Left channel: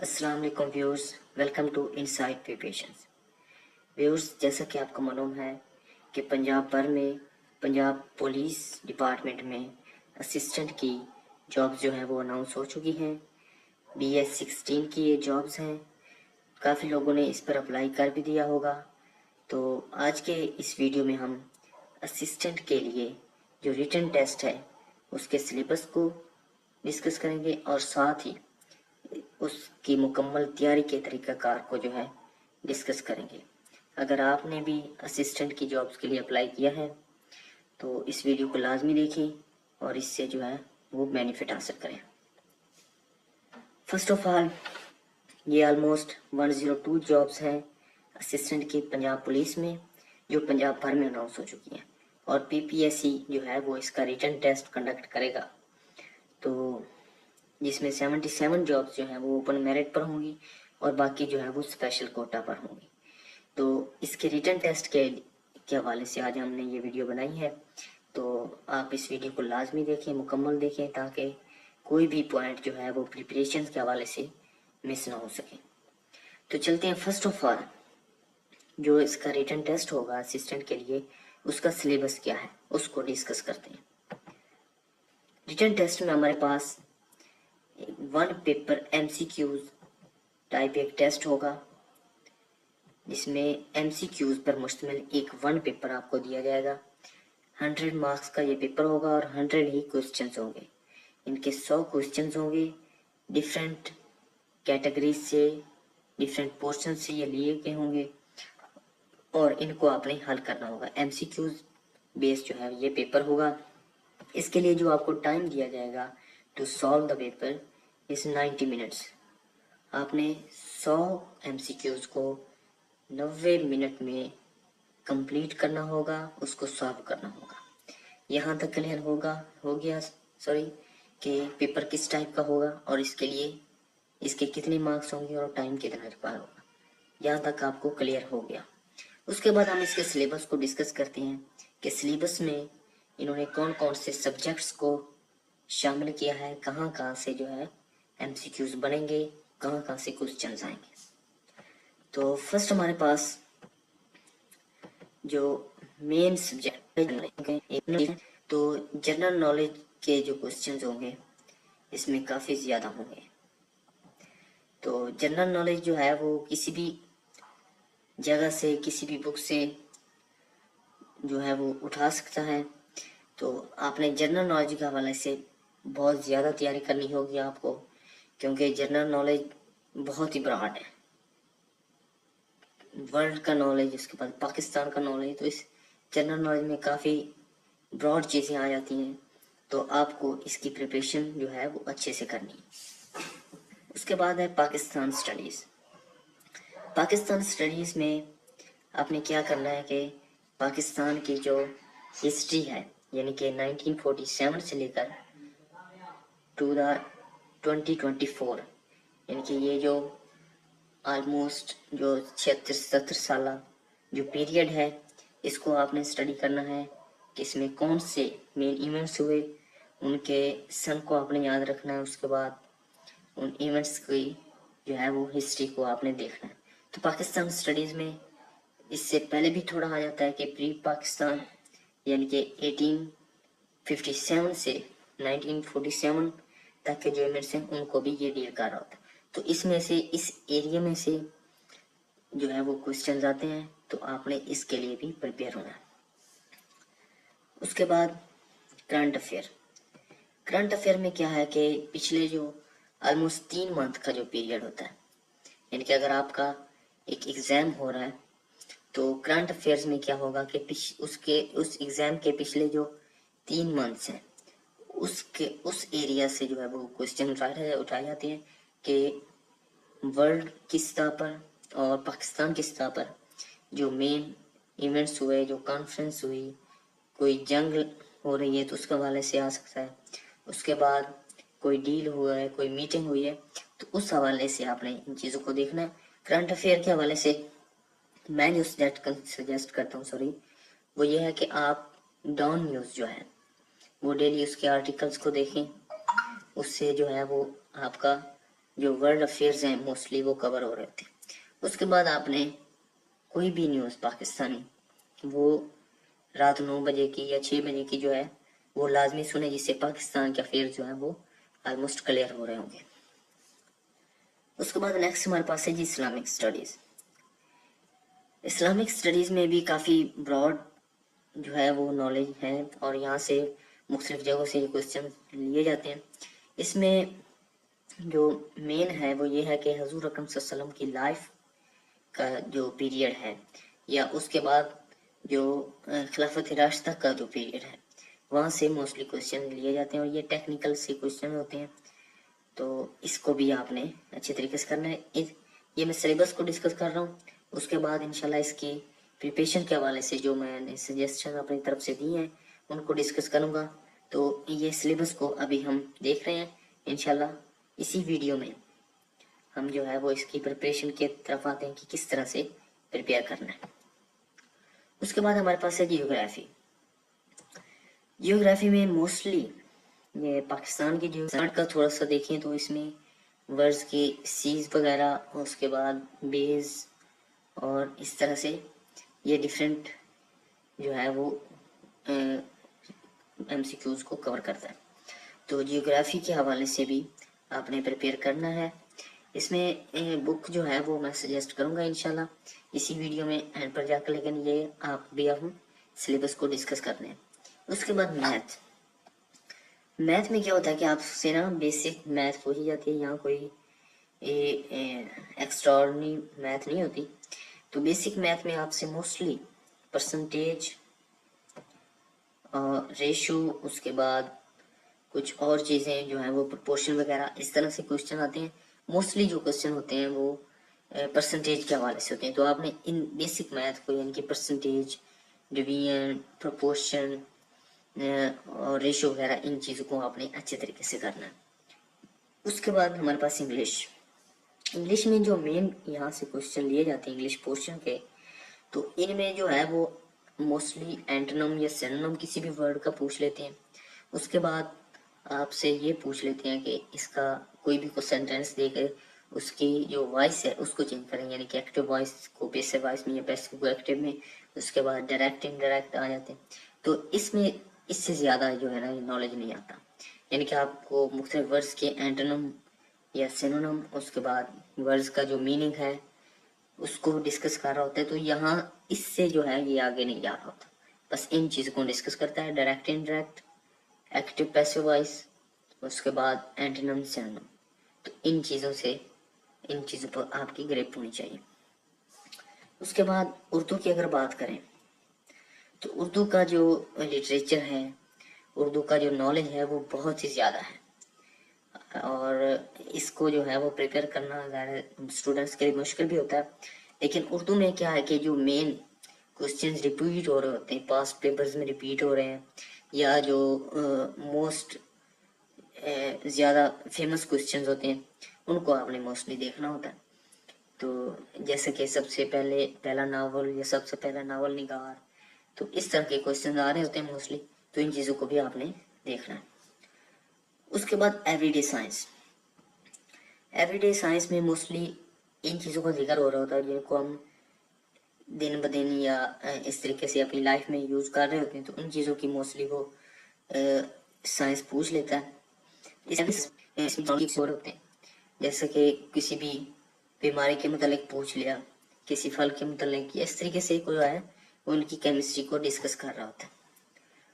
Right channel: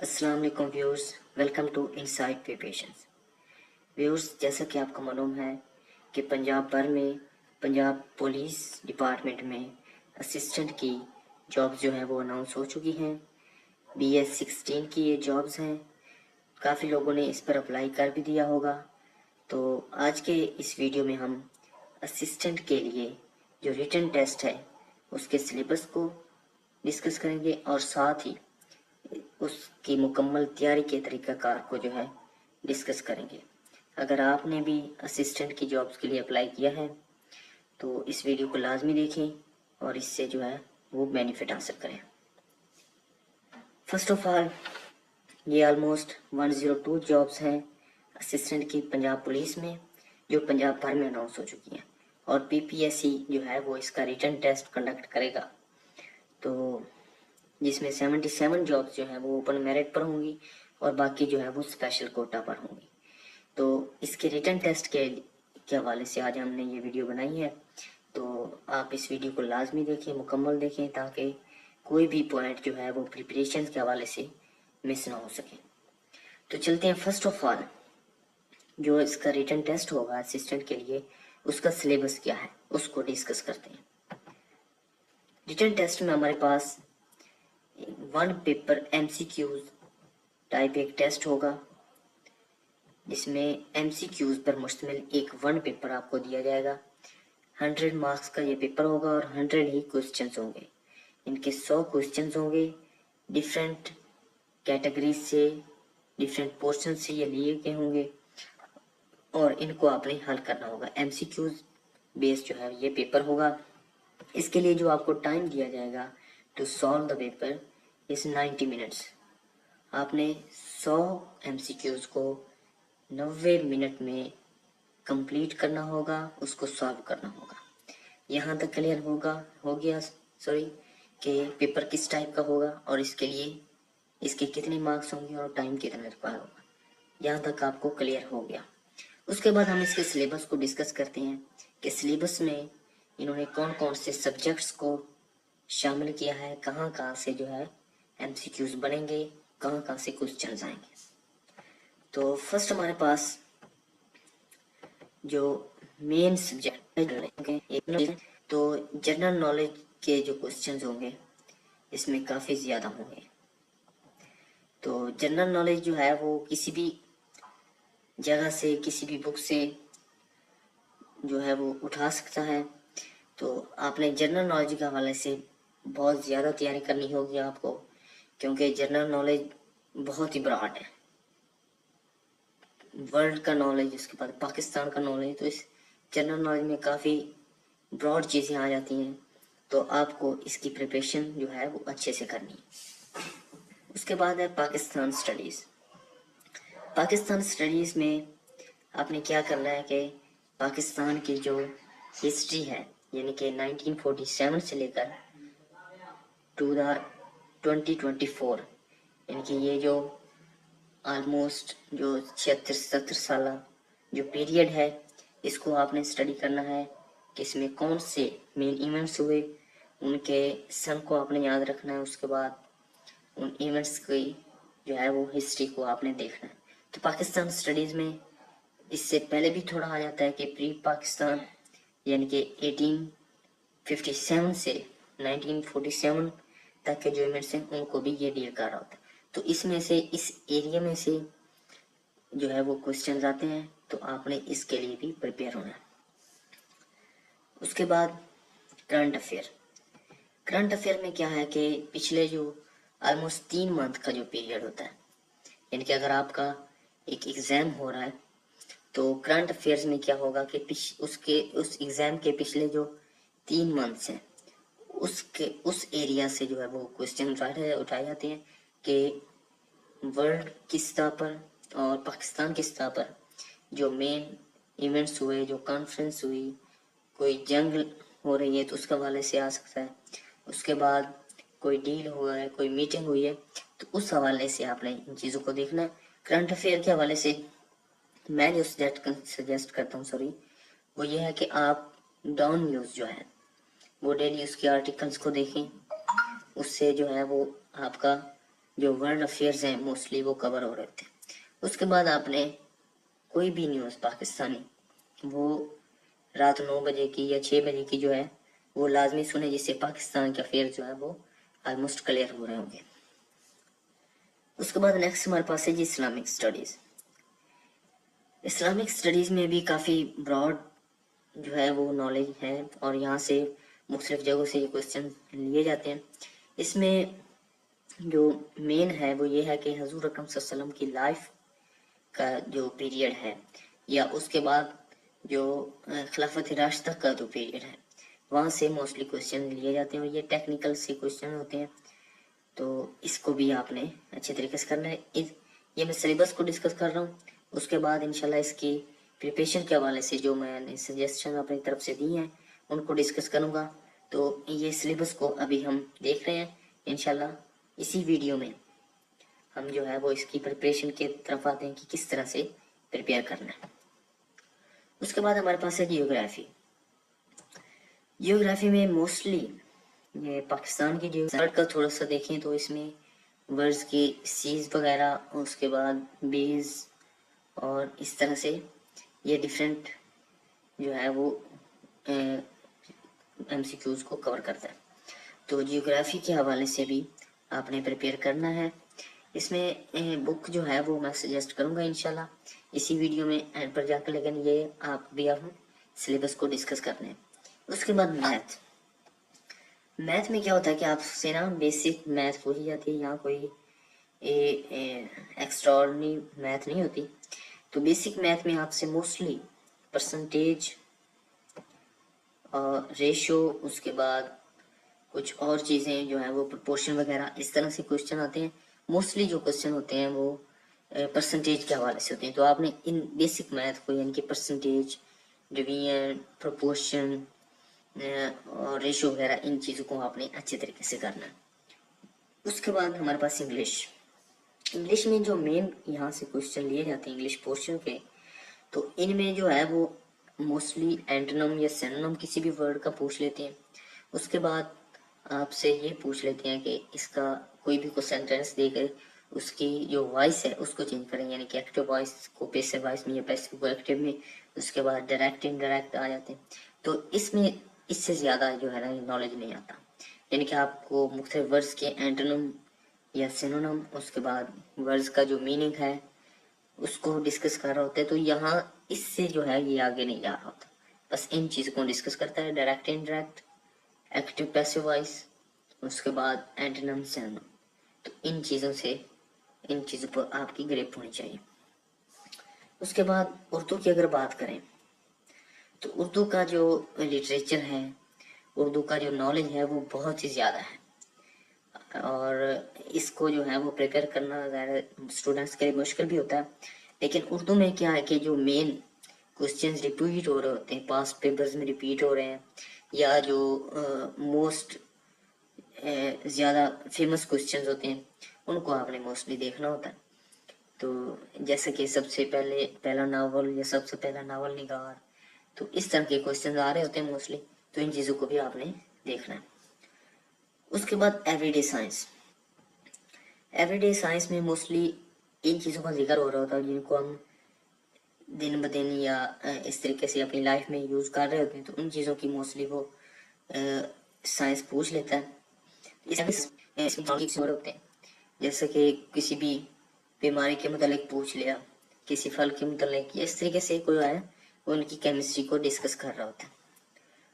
السلام علیکم viewers, welcome to Insight Preparations. Viewers, جیسا کہ آپ کو معلوم ہے کہ پنجاب بھر میں پنجاب پولیس ڈپارٹمنٹ میں اسسٹنٹ کی جابز جو ہیں وہ اناؤنس ہو چکی ہیں۔ BS16 کی یہ جابز ہیں، کافی لوگوں نے اس پر اپلائی کر بھی دیا ہوگا۔ تو آج کے اس ویڈیو میں ہم اسسٹنٹ کے لیے جو ریٹن ٹیسٹ ہے اس کے سلیبس کو ڈسکس کریں گے اور ساتھ ہی اس کی مکمل تیاری کے طریقہ کار کو جو ہے ڈسکس کریں گے۔ اگر آپ نے بھی اسسٹنٹ کی جابز کے لیے اپلائی کیا ہے تو اس ویڈیو کو لازمی دیکھیں اور اس سے جو ہے وہ بینیفٹ حاصل کریں۔ فرسٹ آف آل، یہ آلموسٹ 102 جابز ہیں اسسٹنٹ کی پنجاب پولیس میں جو پنجاب بھر میں اناؤنس ہو چکی ہیں، اور PPSC جو ہے وہ اس کا ریٹن ٹیسٹ کنڈکٹ کرے گا، تو جس میں 77 جابز جو ہیں وہ اوپن میرٹ پر ہوں گی اور باقی جو ہے وہ اسپیشل کوٹا پر ہوں گی۔ تو اس کے ریٹن ٹیسٹ کے حوالے سے آج ہم نے یہ ویڈیو بنائی ہے، تو آپ اس ویڈیو کو لازمی دیکھیں، مکمل دیکھیں، تاکہ کوئی بھی پوائنٹ جو ہے وہ پریپریشن کے حوالے سے مس نہ ہو سکے۔ تو چلتے ہیں، فرسٹ آف آل جو اس کا ریٹن ٹیسٹ ہوگا اسسٹنٹ کے لیے اس کا سلیبس کیا ہے اس کو ڈسکس کرتے ہیں۔ ریٹن ٹیسٹ میں ہمارے پاس 1 پیپر MCQs ٹائپ ایک ٹیسٹ ہوگا، جس میں MCQs پر مشتمل ایک 1 پیپر آپ کو دیا جائے گا۔ 100 مارکس کا یہ پیپر ہوگا اور 100 ہی کوسچنز ہوں گے۔ ان کے 100 کوسچنز ہوں گے، ڈیفرنٹ کیٹیگریز سے، ڈیفرنٹ پورشن سے یہ لیے گئے ہوں گے اور ان کو آپ نے حل کرنا ہوگا۔ MCQs بیس جو ہے یہ پیپر ہوگا۔ اس کے لیے جو آپ کو ٹائم دیا جائے گا to solve the paper is 90 minutes. آپ نے 100 MCQs کو 90 منٹ میں کمپلیٹ کرنا ہوگا، اس کو سالو کرنا ہوگا۔ یہاں تک کلیئر ہو گیا کہ پیپر کس ٹائپ کا ہوگا اور اس کے لیے اس کے کتنے مارکس ہوں گے اور ٹائم کتنا ریکوائر ہوگا، یہاں تک آپ کو کلیئر ہو گیا۔ اس کے بعد ہم اس کے سلیبس کو ڈسکس کرتے ہیں کہ سلیبس میں انہوں نے کون کون سے سبجیکٹس کو شامل کیا ہے، کہاں کہاں سے جو ہے MCQs بنیں گے، کہاں کہاں سے کوسچنز آئیں گے۔ تو فرسٹ ہمارے پاس جو مین سبجیکٹ تو جنرل نالج کے جو کوسچنز ہوں گے اس میں کافی زیادہ ہوں گے۔ تو جنرل نالج جو ہے وہ کسی بھی جگہ سے، کسی بھی بک سے جو ہے وہ اٹھا سکتا ہے، تو آپ نے جنرل نالج کے حوالے سے بہت زیادہ تیاری کرنی ہوگی آپ کو، کیونکہ جنرل نالج بہت ہی براڈ ہے۔ ورلڈ کا نالج، اس کے بعد پاکستان کا نالج، تو اس جنرل نالج میں کافی براڈ چیزیں آ جاتی ہیں، تو آپ کو اس کی پریپریشن جو ہے وہ اچھے سے کرنی ہے۔ اس کے بعد ہے پاکستان سٹڈیز۔ پاکستان سٹڈیز میں آپ نے کیا کرنا ہے کہ پاکستان کی جو ہسٹری ہے، یعنی کہ 1947 سے لے کر ٹو دا 2024، یعنی کہ یہ جو آلموسٹ جو 76-77 سالہ جو پیریڈ ہے، اس کو آپ نے اسٹڈی کرنا ہے کہ اس میں کون سے مین ایونٹس ہوئے، ان کے سن کو آپ نے یاد رکھنا ہے۔ اس کے بعد ان ایونٹس کی جو ہے وہ ہسٹری کو آپ نے دیکھنا ہے۔ تو پاکستان اسٹڈیز میں اس سے پہلے بھی تھوڑا آ جاتا ہے کہ پری پاکستان، یعنی کہ 1857 سے 1947 تک کے جو ایونٹس ہیں ان کو بھی یہ ڈیل کر رہا ہوتا ہے۔ تو اس میں سے، اس ایریا میں سے جو ہے وہ کوسچنز آتے ہیں، تو آپ نے اس کے لیے بھی پریپیئر ہونا ہے۔ اس کے بعد کرنٹ افیئر۔ کرنٹ افیئر میں کیا ہے کہ پچھلے جو آلموسٹ 3 منتھ کا جو پیریڈ ہوتا ہے، یعنی کہ اگر آپ کا ایک ایگزام ہو رہا ہے تو کرنٹ افیئرز میں کیا ہوگا کہ اس ایگزام کے پچھلے جو 3 منتھس ہیں اس ایریا سے جو ہے وہ کوسچن اٹھائے جاتے ہیں کہ ورلڈ کی سطح پر اور پاکستان کی سطح پر جو مین ایونٹس ہوئے، جو کانفرنس ہوئی، کوئی جنگ ہو رہی ہے تو اس کے حوالے سے آ سکتا ہے، اس کے بعد کوئی ڈیل ہوا ہے، کوئی میٹنگ ہوئی ہے، تو اس حوالے سے آپ نے ان چیزوں کو دیکھنا ہے۔ کرنٹ افیئر کے حوالے سے میں جو سجیسٹ کرتا ہوں وہ یہ ہے کہ آپ ڈان نیوز جو ہے وہ ڈیلی اس کے آرٹیکلز کو دیکھیں، اس سے جو ہے وہ آپ کا جو ورلڈ افیئرز ہیں موسٹلی وہ کور ہو رہے ہوتے ہیں. اس کے بعد آپ نے کوئی بھی نیوز پاکستانی وہ رات 9 بجے کی یا 6 بجے کی جو ہے وہ لازمی سنیں، جس سے پاکستان کے افیئر جو ہے وہ آلموسٹ کلیئر ہو رہے ہوں گے. اس کے بعد نیکسٹ ہمارے پاس ہے جی اسلامک اسٹڈیز. اسلامک اسٹڈیز میں بھی کافی براڈ جو ہے وہ نالج ہے، اور یہاں سے مختلف جگہوں سے یہ کوشچن لیے جاتے ہیں. اس میں جو مین ہے وہ یہ ہے کہ حضور اکرم صلی اللہ علیہ وسلم کی لائف کا جو پیریڈ ہے، یا اس کے بعد جو خلافت راشدہ کا جو پیریڈ ہے، وہاں سے موسٹلی کوشچن لیے جاتے ہیں، اور یہ ٹیکنیکل سے کوشچن ہوتے ہیں. تو اس کو بھی آپ نے اچھے طریقے سے کرنا ہے. یہ میں سلیبس کو ڈسکس کر رہا ہوں. اس کے بعد انشاءاللہ اس کی پریپریشن کے حوالے سے جو میں نے سجیسشن اپنی طرف سے دی ہیں ان کو ڈسکس کروں گا. تو یہ سلیبس کو ابھی ہم دیکھ رہے ہیں. انشاءاللہ اسی ویڈیو میں ہم جو ہے وہ اس کی پریپریشن کی طرف آتے ہیں کہ کس طرح سے پریپیئر کرنا ہے. اس کے بعد ہمارے پاس ہے جیوگرافی. جیوگرافی میں موسٹلی یہ پاکستان کی جو کا تھوڑا سا دیکھیں تو اس میں ورڈز کی سیز وغیرہ، اس کے بعد بیز، اور اس طرح سے یہ ڈیفرنٹ جو ہے وہ ایم سی کیوز کو کور کرتا ہے. تو جیوگرافی کے حوالے سے بھی آپ نے پریپیئر کرنا ہے. اس میں بک جو ہے وہ میں سجیسٹ کروں گا انشاءاللہ اسی ویڈیو میں اینڈ پر جا کر، لیکن یہ آپ بھی آپ سلیبس کو ڈسکس کرنے ہیں. اس کے بعد میتھ میں کیا ہوتا ہے کہ آپ سے نا بیسک میتھ پوچھی جاتی ہے، یہاں کوئی ایکسٹرا آرڈنری میتھ نہیں ہوتی. تو بیسک میتھ میں آپ سے موسٹلی پرسنٹیج اور ریشو، اس کے بعد کچھ اور چیزیں جو ہیں وہ پرپورشن وغیرہ اس طرح سے کوشچن آتے ہیں. موسٹلی جو کوشچن ہوتے ہیں وہ پرسنٹیج کے حوالے سے ہوتے ہیں. تو آپ نے ان بیسک میتھ کو یعنی کہ پرسنٹیج، ڈویژن، پرپورشن اور ریشو وغیرہ ان چیزوں کو آپ نے اچھے طریقے سے کرنا ہے. اس کے بعد ہمارے پاس انگلش میں جو مین یہاں سے کوشچن لیے جاتے ہیں انگلش پورشن کے، تو ان میں جو ہے وہ موسٹلی اینٹونم یا سینونم کسی بھی ورڈ کا پوچھ لیتے ہیں. اس کے بعد آپ سے یہ پوچھ لیتے ہیں کہ اس کا کوئی بھی کو سینٹینس دے کر اس کی جو وائس ہے اس کو چینج کریں، یعنی کہ ایکٹیو وائس کو پیسو وائس میں یا پیسو کو ایکٹیو میں. اس کے بعد ڈائریکٹ انڈائریکٹ آ جاتے ہیں. تو اس میں اس سے زیادہ جو ہے نا نالج نہیں آتا، یعنی کہ آپ کو مختلف ورڈز کے اینٹونم یا سینونم، اس کے بعد ورڈز کا جو میننگ ہے اس کو ڈسکس کر رہا ہوتا ہے. تو یہاں اس سے جو ہے یہ آگے نہیں جا رہا ہوتا، بس ان چیزوں کو ڈسکس کرتا ہے، direct indirect, active passive voice, اس کے بعد اینٹونم سینونم. تو ان چیزوں پر آپ کی گریپ ہونی چاہیے. اس کے بعد اردو کی اگر بات کریں تو اردو کا جو لٹریچر ہے، اردو کا جو نالج ہے وہ بہت ہی زیادہ ہے، اور اس کو جو ہے وہ پریپیئر کرنا اسٹوڈنٹس کے لیے مشکل بھی ہوتا ہے. لیکن اردو میں کیا ہے کہ جو مین کوشچنز ریپیٹ ہو رہے ہوتے ہیں، پاسٹ پیپرز میں ریپیٹ ہو رہے ہیں، یا جو موسٹ زیادہ فیمس کوشچنز ہوتے ہیں ان کو آپ نے موسٹلی دیکھنا ہوتا ہے. تو جیسے کہ سب سے پہلا ناول یا سب سے پہلا ناول نگار، تو اس طرح کے کوشچنز آ رہے ہوتے ہیں موسٹلی. تو ان چیزوں کو بھی آپ نے دیکھنا ہے. اس کے بعد ایوری ڈے سائنس میں موسٹلی ان چیزوں کا ذکر ہو رہا ہوتا ہے جن کو ہم دن بدن یا اس طریقے سے اپنی لائف میں یوز کر رہے ہوتے ہیں. تو ان چیزوں کی موسٹلی وہ سائنس پوچھ لیتا ہے. اس ہوتے ہیں جیسے کہ کسی بھی بیماری کے متعلق پوچھ لیا، کسی پھل کے متعلق، یا اس طریقے سے کوئی ہے وہ ان کی کیمسٹری کو ڈسکس کر رہا ہوتا ہے.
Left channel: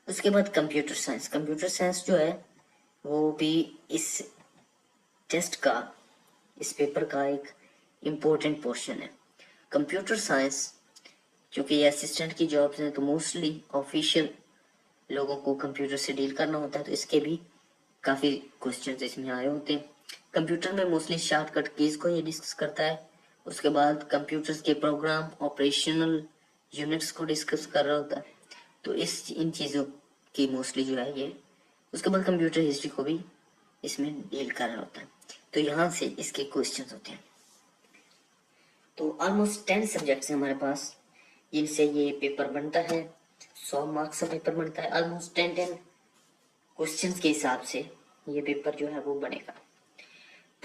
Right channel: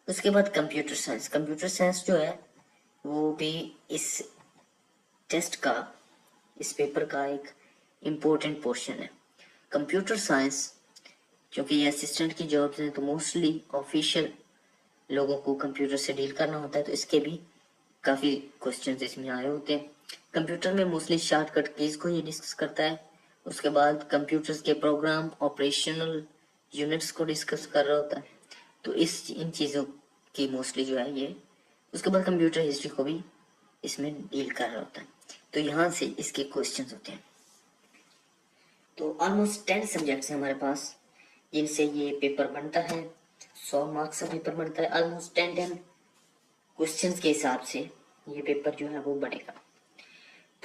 اس کے بعد کمپیوٹر سائنس جو ہے وہ بھی اس ٹیسٹ کا، اس پیپر کا ایک امپورٹنٹ پورشن ہے. کمپیوٹر سائنس چونکہ یہ اسسٹنٹ کی جابز ہیں تو موسٹلی آفیشیل لوگوں کو کمپیوٹر سے ڈیل کرنا ہوتا ہے. تو اس کے بھی کافی کوشچنز اس میں آئے ہوتے ہیں. کمپیوٹر میں موسٹلی شارٹ کٹ کیز کو یہ ڈسکس کرتا ہے. اس کے بعد کمپیوٹرز کے پروگرام، آپریشنل یونٹس کو ڈسکس کر رہا ہوتا ہے. تو ان چیزوں کی موسٹلی جو ہے یہ. اس کے بعد کمپیوٹر ہسٹری کو بھی اس میں ڈیل کر رہا ہوتا ہے. تو یہاں سے اس کے کوشچنز ہوتے ہیں. تو آلموسٹ 10 سبجیکٹس ہیں ہمارے پاس جن سے یہ پیپر بنتا ہے. 100 مارکس کا پیپر بنتا ہے. آلموسٹ 10 کوشچنز کے حساب سے یہ پیپر جو ہے وہ بنے گا.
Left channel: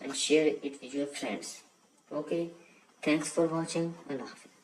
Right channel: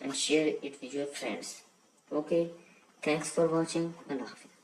and share it with your friends. Okay, thanks for watching. Allah Hafiz.